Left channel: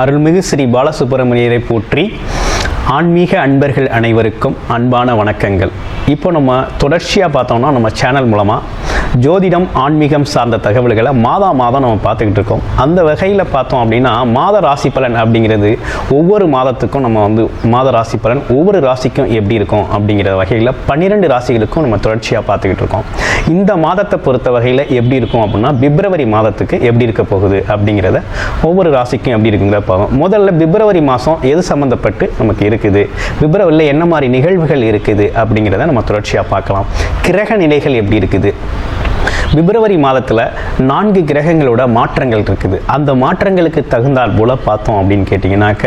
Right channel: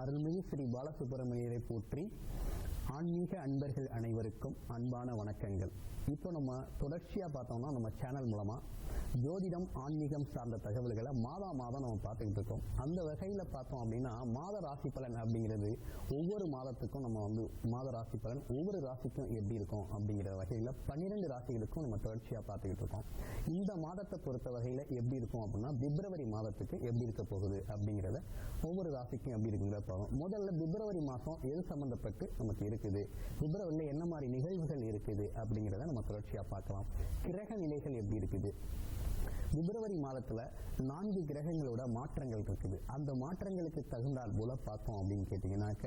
அருள்மிகு ஸ்ரீ பாலசுப்பிரமணியரை போற்றி ஆன்மீக அன்பர்கள் அனைவருக்கும் அன்பான வணக்கங்கள். இப்போ நம்ம தொடர்ச்சியாக பார்த்தோம்னா நம்ம சேனல் மூலமாக ஜோதிடம் ஆன்மீகம் சார்ந்த தகவல்களை மாதா மாதம் நம்ம பார்த்துக்கிட்டு இருக்கோம். அந்த வகையில் பார்த்தோம் அப்படின்னா மாத ராசி பலன் அப்படிங்கிறது ஒவ்வொரு மாதத்துக்கும் நம்ம வந்து மாத ராசி பலன் ஒவ்வொரு ராசிக்கும் எப்படி இருக்கும் அப்படிங்கிற வகையில் பன்னிரெண்டு ராசிகளுக்கும் நம்ம தொடர்ச்சியாக பார்த்துக்கிட்டு இருக்கோம். இந்த மாதத்தை பொறுத்த வகையில் எப்படி இருக்கும் அப்படின்னா பிப்ரவரி மாதத்துக்கு எப்படி இருக்க போகுது அப்படிங்கிறத ஒவ்வொரு ராசிக்கும் எப்படி இருக்குங்கிற பார்ப்போம். முதல்ல பிப்ரவரி மாதம் எது சம்மந்தப்பட்டு நமக்கு இருக்குது? பிப்ரவரியில் என்ன மாதிரி நிகழ்வுகள் இருக்குது அப்படிங்கிறத நம்ம தொடர்ச்சியாக பார்க்கலாம். கிரக நிலைகள் எப்படி இருக்குது? பிப்ரவரி மாதத்தில் நான்கு கிரகங்களோட மாற்றங்கள் இருக்குது. அந்த மாற்றங்களுக்கு தகுந்தால் போல பார்த்தோம் அப்படின்னு கேட்டிங்கனாக்க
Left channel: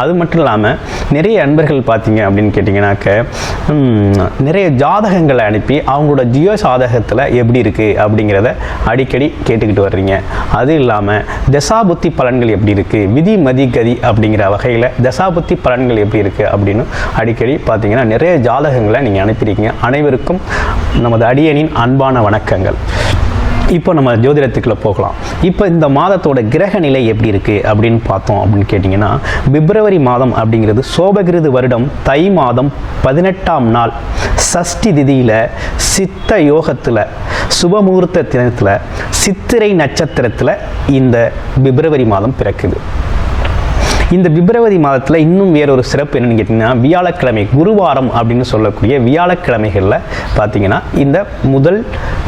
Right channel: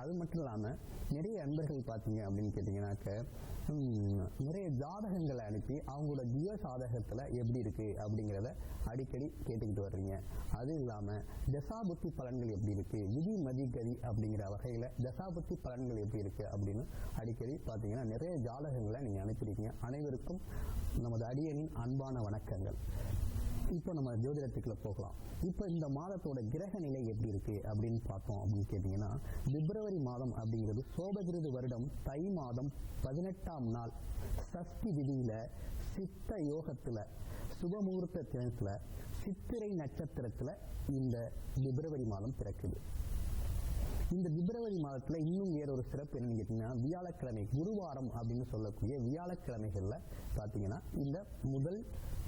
அது மட்டும் இல்லாமல் நிறைய அன்பர்கள் பார்த்தீங்க அப்படின்னு கேட்டிங்கனாக்க நிறைய ஜாதகங்களை அனுப்பி அவங்களோட ஜியோ சாதகத்தில் எப்படி இருக்குது அப்படிங்கிறத அடிக்கடி கேட்டுக்கிட்டு வர்றீங்க. அது இல்லாமல் தசாபுத்தி பலன்கள் எப்படி இருக்குது விதி மதி கதி அப்படிங்கிற வகையில் தசாபுத்தி பலன்கள் எப்படி இருக்குது அப்படின்னு அடிக்கடி பார்த்தீங்கன்னா நிறைய ஜாதகங்களை நீங்கள் அனுப்பியிருக்கீங்க. அனைவருக்கும் நமது அடியனின் அன்பான வணக்கங்கள். இப்போ நம்ம ஜோதிடத்துக்குள்ள போகலாம். இப்போ இந்த மாதத்தோட கிரக நிலை எப்படி இருக்குது அப்படின்னு பார்த்தோம் அப்படின்னு கேட்டிங்கன்னா பிப்ரவரி மாதம் அப்படிங்கிறது சோபகிருது வருடம் தை மாதம் பதினெட்டாம் நாள். சஷ்டி திதியில் சித்த யோகத்தில் சுபமுகூர்த்த தினத்தில் சித்திரை நட்சத்திரத்தில் இந்த பிப்ரவரி மாதம் பிறக்குது. இந்த பிப்ரவரி மாதத்தில் இன்னும் வேறொரு சிறப்பு என்னென்னு கேட்டிங்கன்னா வியாழக்கிழமை குருவாரம் அப்படின்னு சொல்லக்கூடிய வியாழக்கிழமைகளில் பார்த்தீங்கன்னா இந்த முதல்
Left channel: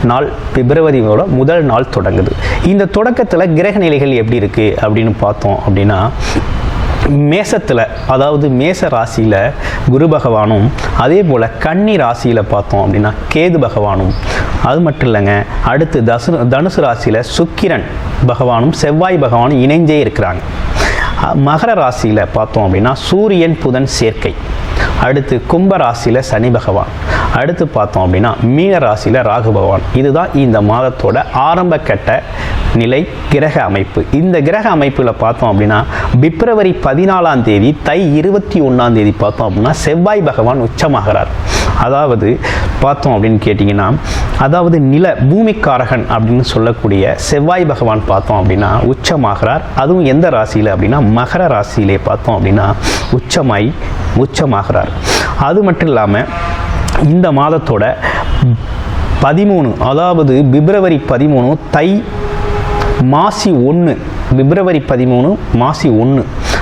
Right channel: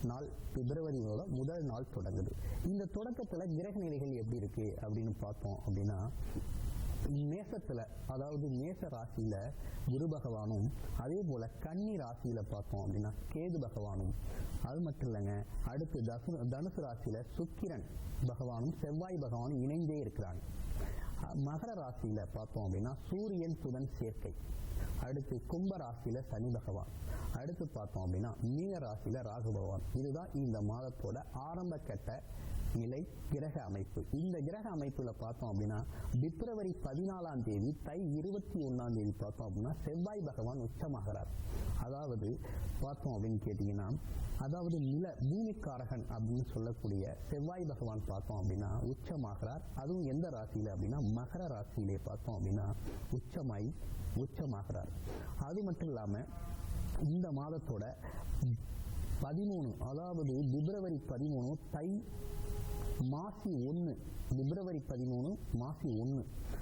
நாள் பிப்ரவரியோட முதல் நாள் தொடங்குது. இந்த தொடக்கத்தில் கிரக நிலைகள் எப்படி இருக்குது அப்படின்னு பார்த்தோம் அப்படின்னா மேசத்தில் அதாவது மேச ராசியில் குரு பகவானும் அதே போல் கன்னி ராசியில் பார்த்தோம் அப்படின்னா கேது பகவானும். அது மட்டும் இல்லைங்க அடுத்து தசு தனுசு ராசியில் சுக்கிரன் பகவானும் செவ்வாய் பகவானும் இணைஞ்சே இருக்கிறாங்க. மகர ராசியில் பார்த்தோம் அப்படின்னா சூரியன் புதன் சேர்க்கை. அடுத்து கும்ப ராசியில் சனி பகவான். அடுத்து பார்த்தோம் அப்படின்னா மீன ராசியில் ராகு பகவான். இதுதான் இந்த மாதத்தோட ஆரம்ப கட்ட நிலை கிரக அமைப்பு. இந்த கிரக அமைப்பில் பார்த்தோம் அப்படின்னா பிப்ரவரி பதினாலாம் தேதி தை இருபத்தி ஒன்றாம் தேதி பார்த்தோம் அப்படின்னா செவ்வாய் பகவான் உச்சமாகிறார். அதாவது பார்த்தோம் அப்படின்னு கேட்டிங்கன்னா அதாவது நில பூமிக்காரகன் அப்படின்னு சொல்லக்கூடிய செவ்வாய் பகவான் பார்த்தோம் அப்படின்னா உச்சமாகிறார். அதுவும் எந்த ராசியில் அப்படின்னா மகர ராசியிலே பார்த்தோம் அப்படின்னா உச்சமாய் உச்சமாகிறார். அது மட்டும் இல்லாமல் இந்த மாதத்தோட பதிமூணு அதாவது பிப்ரவரி பதிமூணு தை மாசி ஒன்று பிப்ரவரி பதிமூணு மாசி ஒன்று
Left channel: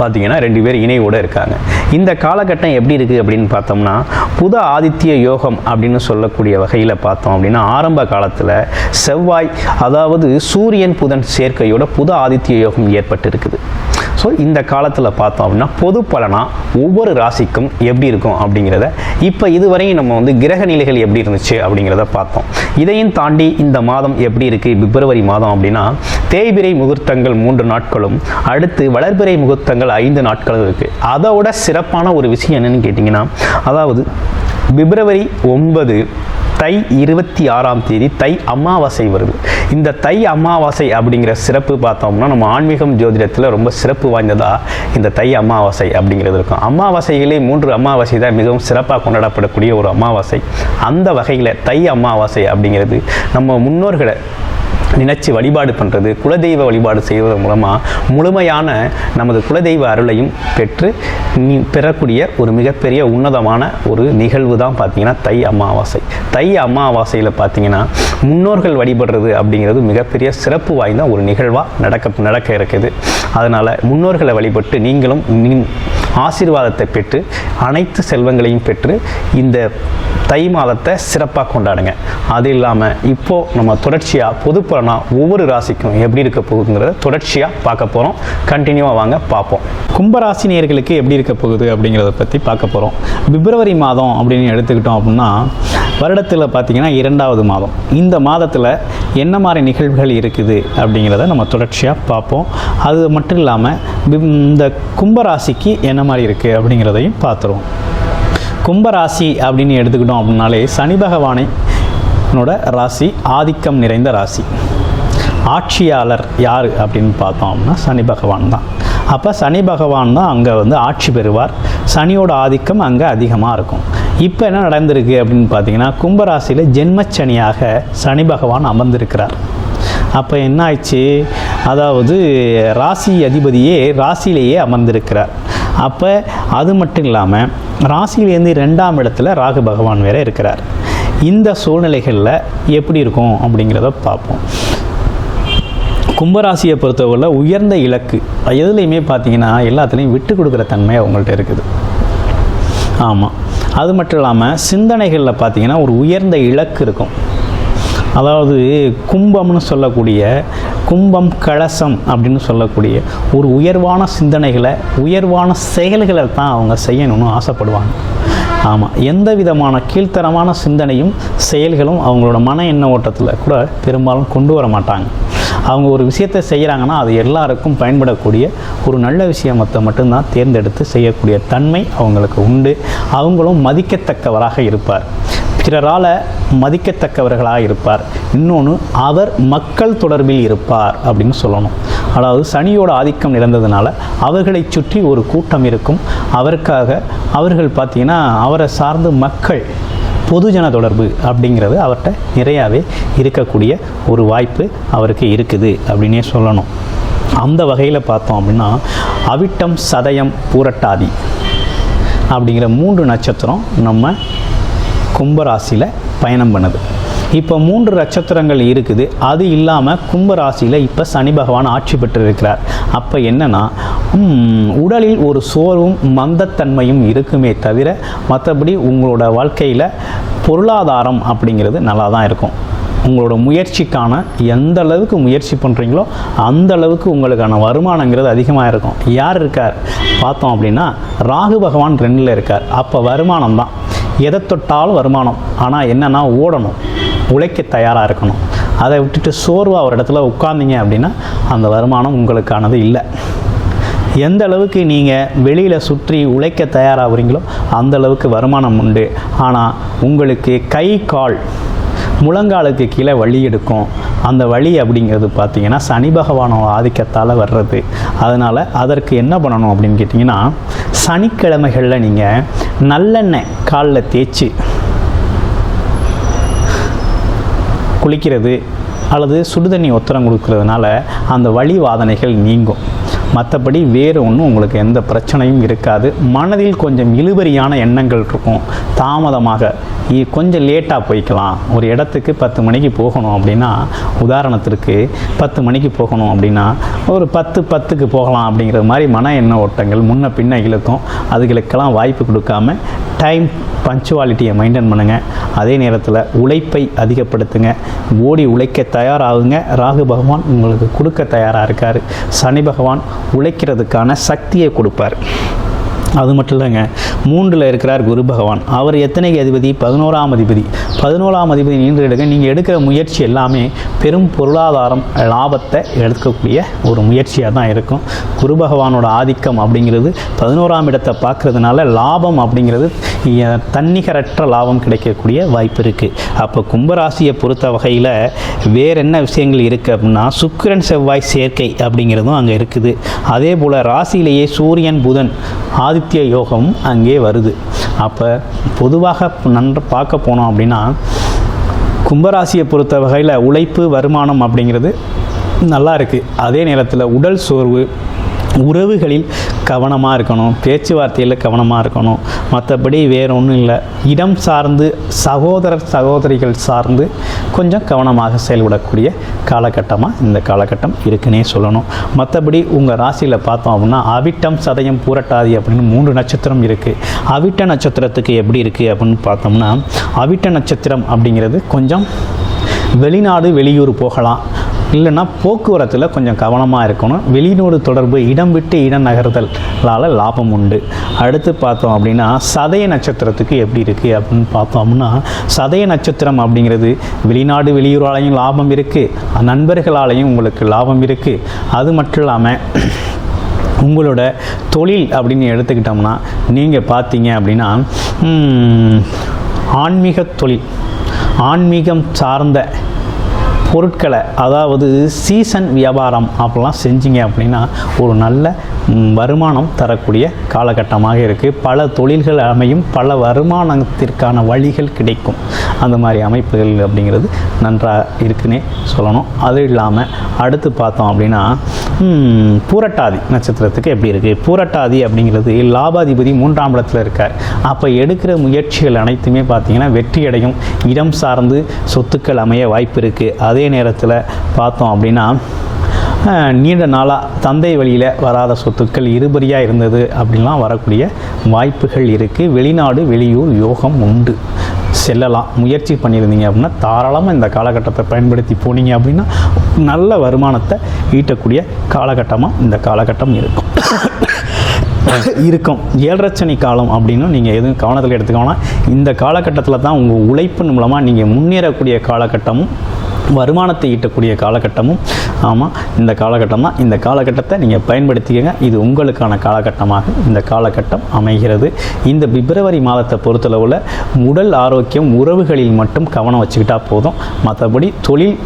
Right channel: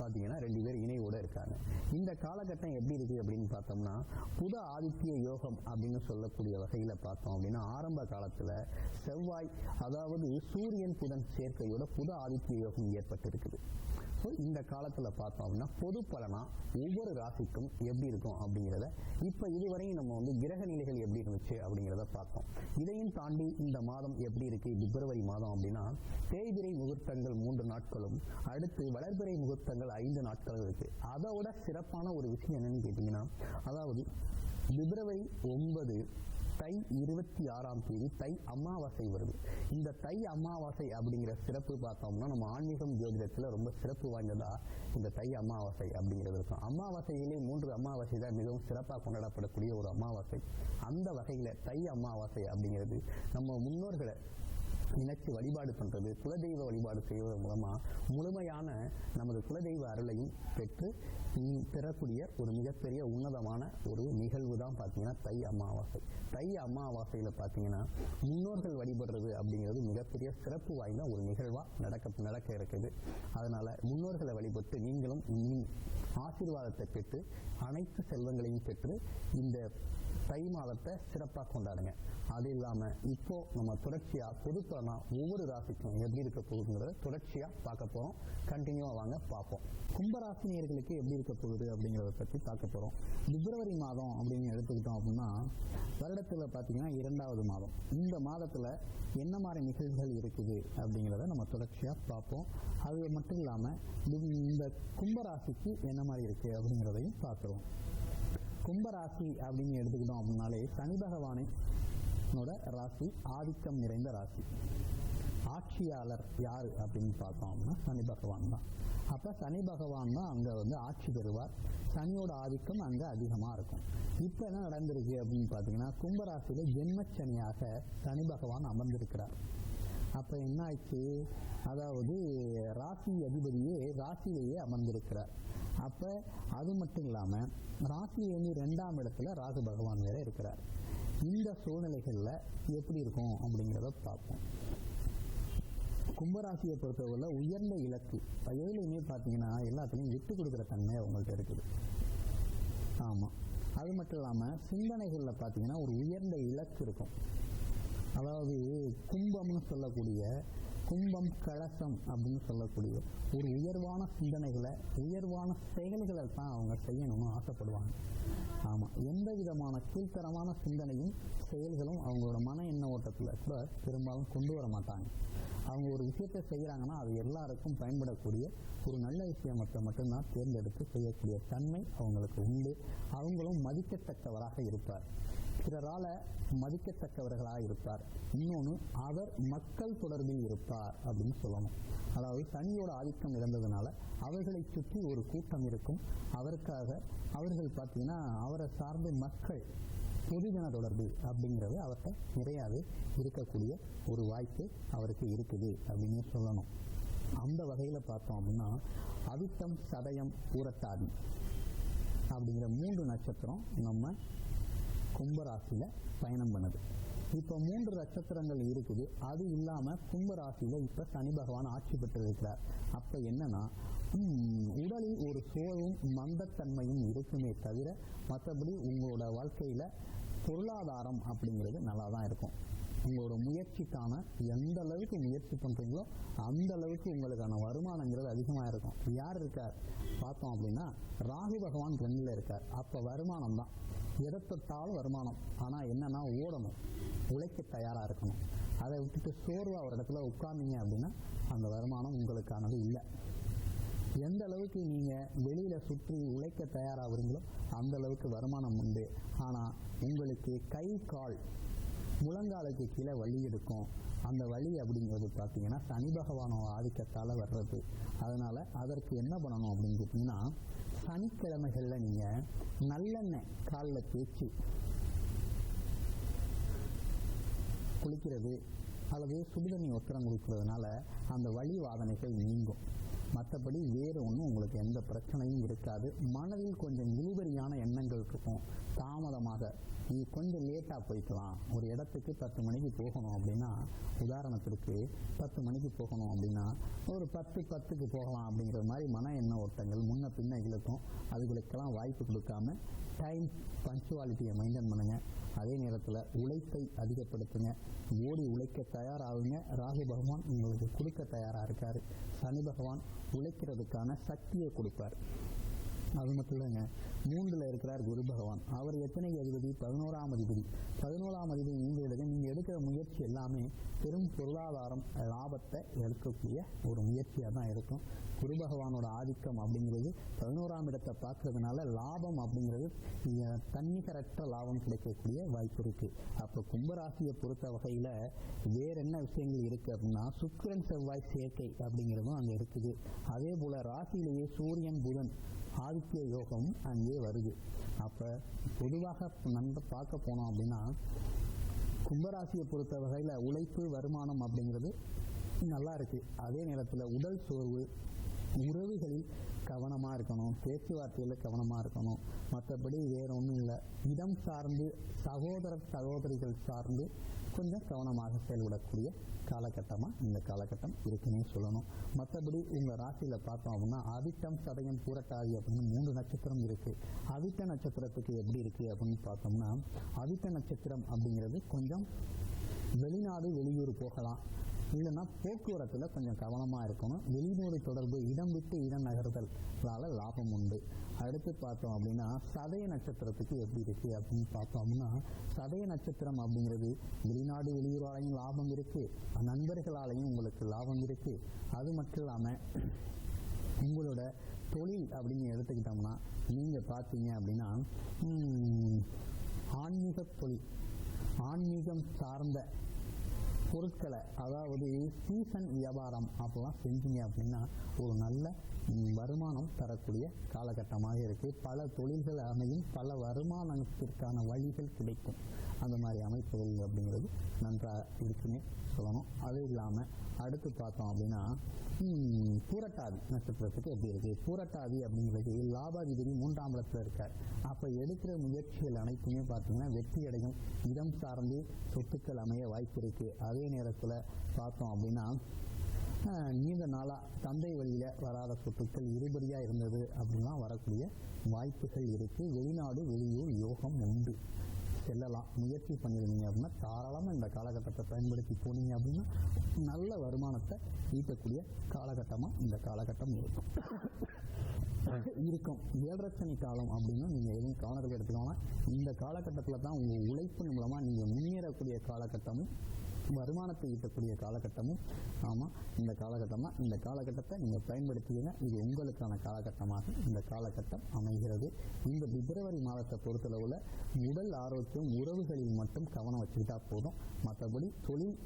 பார்த்தீங்கன்னா ரெண்டு பேர் இணையோடு இருக்காங்க. இந்த காலகட்டம் எப்படி இருக்குது அப்படின்னு பார்த்தோம்னா புத ஆதித்ய யோகம் அப்படின்னு சொல்லக்கூடிய வகையில் பார்த்தோம் அப்படின்னா ஆரம்ப காலத்தில் செவ்வாய் அதாவது சூரியன் புதன் சேர்க்கையோட புத ஆதித்ய யோகம் ஏற்பட்டு இருக்குது ஸோ இந்த காலத்தில் பார்த்தோம் அப்படின்னா பொது பலனாக ஒவ்வொரு ராசிக்கும் எப்படி இருக்கும் அப்படிங்கிறத இப்போ இதுவரையும் நம்ம வந்து கிரக நிலைகள் எப்படி இருந்துச்சு அப்படிங்கிறத பார்த்தோம். இதையும் தாண்டி இந்த மாதம் எப்படி இருக்குது பிப்ரவரி மாதம் அப்படின்னா தேய்பிரை முகூர்த்தங்கள் மூன்று நாட்களும் அடுத்து வளர்பிறை முகூர்த்தங்கள் ஐந்து நாட்களும் இருக்குது அதோட சிறப்பான ஒரு விஷயம் என்னென்னு கேட்டிங்கன்னா அதாவது பிப்ரவரி ஒன்பது தை இருபத்தி ஆறாம் தேதி தை அமாவாசை வருது. இந்த தை அமாவாசை அப்படிங்கிற சிறப்பு பார்த்தோம்னா நம்ம ஆன்மீகம் ஜோதிடத்தில் ரொம்ப சிறப்பு வாய்ந்ததாக இந்த தை அமாவாசை அப்படிங்கிறது இருக்கும். அமாவாசைகளே மூன்று அமாவாசை தான் மிகவும் சிறப்பாக கொண்டாடப்படக்கூடிய ஒரு அமாவாசை. அந்த வகையில் தை அமாவாசை அப்படிங்கிறது நம்ம முன்னோர்களை நினைச்சு வழிபாடு பண்ணுறது குலதெய்வ வழிபாடு செய்வதன் மூலமாக முழுமையான நமது குலதெய்வ அருளையும் பெற்று பெறக்கூடிய ஒரு மிகப்பெரிய உன்னதமான ஒரு நிகழ்வு தான் பார்த்தீங்கன்னா தை அமாவாசை. தை அமாவாசையில் பார்த்தீங்கன்னா முன்னோர்கள் வழிபடுறது அப்படிங்கிறது மிகப்பெரிய சிறப்பு வாய்ந்த ஒரு நிகழ்வாக நடக்க நடக்க இருக்குது. அதனால் முன்னோர்களை வழிபட்டு நீங்களும் ஆசீர்வாதத்தை பெற்று அனைத்து செல்வங்களையும் பெற்று இந்த தை மாதத்தை சிறப்பாக கொண்டாடுங்க. அது இல்லாமல் இப்போது நம்ம தொடர்ச்சியாக பொதுப்புற பலனாக ஒவ்வொரு ராசிக்கும் எப்படி இருக்க போகுதுங்கிறத தொடர்ச்சியாக பார்க்க போகிறோம் கண்டினியூவாக வாங்க பார்ப்போம். கும்பராசினியர்களுக்கு எப்படி இருக்க போகுது அப்படிங்கிறத பற்றி பார்க்க போகிறோம் பிப்ரவரி மாதம் அப்படின்னு எடுத்துக்கிட்டோம் அப்படின்னா வருடத்தில் பார்த்திங்கன்னா இரண்டாவது மாதம். இந்த மாதத்தில் என்ன மாதிரி நிகழ்வுகள் இருக்குது அப்படிங்கிறத நம்ம தொடர்ச்சியாக பார்ப்போம். அது மட்டும் இல்லாமல் இந்த கும்பராசிக்கு என்ன மாதிரி இருக்குது அப்படிங்கிறதையும் பார்த்துருவோம். கும்பராசி அப்படின்னு எடுத்துக்கிட்டோம் அப்படின்னாலே சனி பகவானை பகவானோட ராசி ஆதிக்கம் நிறைந்த ராசி. ஆட்சியாளர் யார் அப்படின்னு பார்த்தோம் அப்படின்னா சனி பகவான் தான். அப்போ சனி பகவான் தான் அங்கே வந்து ஆட்சி பெறுவார். சனியோட ஆதிக்கம் அங்கே அதிகமாக இருக்கும். இப்போ என்ன நடந்திருக்கு அப்படின்னு பார்த்தீங்கன்னா கும்பராசியில் ஜென்மச்சனியாக சனி பகவான் அமர்ந்திருக்கிறார். அப்போ என்ன ஆயிடுச்சு? அதாவது ராசி அதிபதியே ராசியிலேயே அமர்ந்திருக்கிறார். அப்போ அது மட்டும் இல்லாமல் ராசியிலேருந்து ரெண்டாம் இடத்துல ராகு பகவான் வேற இருக்கிறார். இந்த சூழ்நிலைகளில் எப்படி இருக்கும் அப்படிங்கிறத பார்ப்போம். கும்பராசியை பொறுத்தவரையில் உயர்ந்த இலக்கு எதுலேயுமே பார்த்தீங்கன்னா எல்லாத்துலேயும் விட்டு கொடுக்குற தன்மை அவங்கள்ட்ட இருக்குது. ஆமாம் அது மட்டும் இல்லாமல் சிந்தனைகளில் பார்த்தீங்கன்னா ஒரு உயர்ந்த இலக்கு இருக்கும். அதாவது கும்பம்னு சொல்லக்கூடிய கும்பம் கலசம் அப்படின்னு சொல்லக்கூடிய ஒரு உயர்வான சிந்தனைகளை உயர்வான செயல்களை தான் அவங்க செய்யணும்னு ஆசைப்படுவாங்க. ஆமாம் எந்த விதமான கீழ்த்தரமான சிந்தனையும் செயல்களும் அவங்களோட மன எண்ண ஓட்டத்தில் கூட பெரும்பாலும் கொண்டு வர மாட்டாங்க. அவங்க ஒரு விஷயத்தை செய்கிறாங்கன்னா அது எல்லாருக்கும் பயன்படக்கூடிய ஒரு நல்ல விஷயத்தை மட்டும்தான் தேர்ந்தெடுத்து செய்யக்கூடிய தன்மை அவங்களுக்கு உண்டு. அவங்களும் மதிக்கத்தக்கவராக இருப்பார். பிறரால் மதிக்கத்தக்கவர்களாக இருப்பார். இன்னொன்று அவர் மக்கள் தொடர்பில் இருப்பார் அப்படின்னு சொல்லணும். அதாவது சனியோட ஆதிக்கம் நிறைந்ததுனால அவர்களை சுற்றி ஒரு கூட்டம் இருக்கும். அவருக்காக அவர்கள் பார்த்திங்கன்னா அவரை சார்ந்து மக்கள் பொதுஜன தொடர்பு அப்படிங்கிறது அவர்கிட்ட நிறையாவே இருக்கக்கூடிய ஒரு வாய்ப்பு அவருக்கு இருக்குது அப்படின்னே சொல்லணும். அந்த வகையில் பார்த்தோம் அப்படின்னா அவிட்டம் சதயம் பூரட்டாதி அப்படிங்கிற மூன்று நட்சத்திரம் நம்ம கும்பராசியில் பயணம் பண்ணுது. இப்போ மூன்று நட்சத்திரங்கள் இருக்குது. அது இல்லாமல் கும்பராசியில் இப்போ சனி பகவான் ஆட்சி பெற்றிருக்கிறார். அப்போ என்னென்னா உடலில் ஒரு சோர்வும் மந்தத்தன்மையும் இருக்குமே தவிர மற்றபடி உங்களோட வாழ்க்கையில் பொருளாதாரம் அப்படிங்கிறது நல்லா தான் இருக்கும். உங்களோட முயற்சிக்கான எந்த அளவுக்கு முயற்சி பண்ணுறீங்களோ அந்த அளவுக்கு உங்களுக்கான வருமானங்கிறது அதிகமாக இருக்கும். யார் இருக்கார்? பார்த்தோம் அப்படின்னா ராகு பகவான் ரெண்டில் இருக்கார். அப்போ வருமானம் தான் எதை தொட்டாலும் வருமானம். ஆனால் என்னென்னா ஓடணும். உழைக்க தயாராக இருக்கணும். அதை விட்டுட்டு சோர்வாக ஒரு இடத்துல உட்கார்ந்தீங்க அப்படின்னா அந்த வருமானம் உங்களுக்கானது இல்லை. எந்த அளவுக்கு நீங்கள் வெளியில் சுற்றி உழைக்க தயாராகிறீங்களோ அந்த அளவுக்கு வருமானம் உண்டு. ஆனால் உங்களுக்கு கை கால் முழங்காலுக்கு கீழே வழி எடுக்கும். அந்த வழி அப்படிங்கிறது பார்த்திங்கன்னா சனி பகவானோட ஆதிக்கத்தால் வர்றது. அதனால் அதற்கு என்ன பண்ணணும் அப்படின்னு கேட்டிங்கன்னா சனிக்கிழமைகளில் நீங்கள் நல்லெண்ணெய் காலில் தேய்ச்சி குளிக்கிறது அல்லது சுடுதண்ணி ஒத்தரம் கொடுக்கறதுனால அந்த வழி வாதனைகள் நீங்கும். மற்றபடி வேறு ஒன்றும் உங்களுக்கு எந்த பிரச்சனையும் இருக்காது. மனதில் கொஞ்சம் இழுபறியான எண்ணங்கள் இருக்கும். தாமதமாக இ- கொஞ்சம் லேட்டாக போய்க்கலாம். ஒரு இடத்துக்கு பத்து மணிக்கு போகணும் அப்படின்னா உதாரணத்திற்கு பத்து மணிக்கு போகணும் அப்படின்னா ஒரு பத்து பத்துக்கு போகலாம் அப்படிங்கிற மாதிரி மன எண்ண ஓட்டங்கள் முன்ன பின்ன இழுக்கும். அதுகளுக்கெல்லாம் வாய்ப்பு கொடுக்காம டைம் பஞ்சுவாலிட்டியை மெயின்டைன் பண்ணுங்கள் அதே நேரத்தில் உழைப்பை அதிகப்படுத்துங்க. ஓடி உழைக்க தயாராகுங்க. ராகு பகவான் உங்களுக்கு கொடுக்க தயாராக இருக்கார். சனி பகவான் உழைக்கிறதுக்கான சக்தியை கொடுப்பார். அது மட்டும் இல்லைங்க. மூன்றில் இருக்கிறார் குரு பகவான். அவர் எத்தனைக்கு அதிபதி? பதினோராம் அதிபதி. பதினோராம் அதிபதி நீண்ட எடுக்க நீங்கள் எடுக்கிற முயற்சி எல்லாமே பெரும் பொருளாதாரம் லாபத்தை எடுக்கக்கூடிய ஒரு முயற்சியாக தான் இருக்கும். குரு பகவானோட ஆதிக்கம் அப்படிங்கிறது பதினோராம் இடத்தை பார்க்குறதுனால லாபம் அப்படிங்கிறது தன்னிகரற்ற லாபம் கிடைக்கக்கூடிய வாய்ப்பு இருக்குது அப்போ கும்பராசியை பொறுத்த வகையில் வேற என்ன விஷயங்கள் இருக்குது அப்படின்னா சுக்கிரன் செவ்வாய் சேர்க்கை அப்படிங்கிறதும் அங்கே இருக்குது. அதே போல் ராசியிலேயே சூரியன் புதன் ஆதி ஆதித்ய யோகம் அங்கே வருது. அப்போ பொதுவாக நன்று பார்க்க போனோம் அப்படின்னா கும்பராசியை பொறுத்த வகையில் உழைப்பு வருமானம் அப்படிங்கிறது நல்லா இருக்குது அதே நேரத்தில் உடல் சோர்வு உறவுகளில் கவனமாக இருக்கணும் பேச்சுவார்த்தையில் கவனமாக இருக்கணும். மற்றபடி வேறு ஒன்றும் இல்லை. இடம் சார்ந்து சகோதரர் சகோதரிகள் சார்ந்து கொஞ்சம் கவனமாக செயல்படக்கூடிய காலகட்டமாக இந்த காலகட்டம் இருக்குன்னே சொல்லணும். மற்றபடி உங்கள் ராசியில் பார்த்தோம் அப்படின்னா அவிட்டம் சதயம் பூரட்டாதி அப்படின்னு மூன்று நட்சத்திரம் இருக்குது அவிட்ட நட்சத்திரத்துக்கு எப்படி இருக்குது அப்படின்னு பார்த்தோம்னா அவிட்ட நட்சத்திரம் அப்படிங்கிறது கொஞ்சம் வெளிநாடு வெளியூர் போகலாம். இல்லைன்னா போக்குவரத்தில் கொஞ்சம் கவனமாக இருக்கணும். வெளிநாடு தொடர்பு இடம் விட்டு இடம் நகர்தலால் லாபம் உண்டு. அடுத்து பார்த்தோம் அப்படின்னா சதய நட்சத்திரத்துக்கு எப்படி இருக்குது அப்படின்னு பார்த்தோம் அப்படின்னா சதய நட்சத்திரம் அப்படிங்கிறது வெளிநாடு வெளியூராலையும் லாபம் இருக்குது நண்பர்களாலையும் உங்களுக்கு லாபம் இருக்குது அது மட்டும் இல்லாமல் உங்களோட தொழில் அப்படின்னு எடுத்துக்கிட்டோம்னா நீங்கள் பார்த்தீங்க அப்படின்னா ஆன்மீக தொழில். ஆன்மீகம் சார்ந்த பொருட்களை அதாவது சீசன் வியாபாரம் அப்படிலாம் செஞ்சீங்க அப்படின்னா ஒரு நல்ல வருமானம் தரக்கூடிய காலகட்டமாக இருக்குது பல தொழில்கள் அமையும் பல வருமானத்திற்கான வழிகள் கிடைக்கும். அந்த மாதிரி அமைப்புகள் அப்படிங்கிறது நன்றாக இருக்குன்னே சொல்லணும். அது இல்லாமல் அடுத்து பார்த்தோம் அப்படின்னா பூரட்டாதி நட்சத்திரத்துக்கு எப்படி இருக்குது பூரட்டாதி அப்படிங்கிறது லாபாதிபதி மூன்றாம் இடத்துல இருக்கார். அப்போ எடுக்கிற முயற்சிகள் அனைத்துமே பார்த்திங்கன்னா வெற்றி அடையும். இடம் சார்ந்து சொத்துக்கள் அமைய வாய்ப்பு இருக்குது அதே நேரத்தில் பார்த்தோம் அப்படின்னா நீண்ட நாளாக தந்தை வழியில் வராத சொத்துக்கள் இருபறியாக இருந்தது அப்படின்லாம் வரக்கூடிய வாய்ப்புகள் இருக்குது வெளிநாடு வெளியூர் யோகம் உண்டு. செல்லலாம். முயற்சி பண்ணியிருந்தீங்க அப்படின்னா தாராளமாக இந்த காலகட்டத்தை பயன்படுத்தி போனீங்க அப்படின்னா நல்ல வருமானத்தை ஈட்டக்கூடிய காலகட்டமாக இந்த காலகட்டம் இருக்கும். இருக்கும். ஏழரச்சனி காலம் அப்படின்னு நீங்கள் எதுவும் கவனத்தில் எடுத்துக்கோனா இந்த காலகட்டத்தில் தான் உங்கள் உழைப்பின் மூலமாக நீங்கள் முன்னேறக்கூடிய காலகட்டமும் வருமானத்தை ஈட்டக்கூடிய காலகட்டமும் ஆமாம் இந்த காலகட்டம் தான் இந்த காலகட்டத்தை நீங்கள் பயன்படுத்திக்கங்க. இது உங்களுக்கான காலகட்டமாக இந்த காலகட்டம் அமைகிறது. இந்த பிப்ரவரி மாதத்தை பொறுத்தளவில் உடல் ஆரோக்கியம் உறவுகளில் மட்டும் கவனம் வச்சுக்கிட்டா போதும். மற்றபடி தொழில்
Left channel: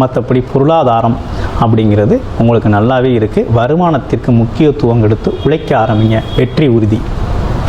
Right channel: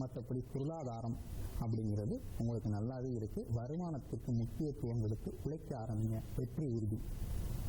மற்றபடி பொருளாதாரம் அப்படிங்கிறது உங்களுக்கு நல்லாவே இருக்குது வருமானத்திற்கு முக்கியத்துவம் எடுத்து உழைக்க ஆரம்பிங்க. வெற்றி உறுதி.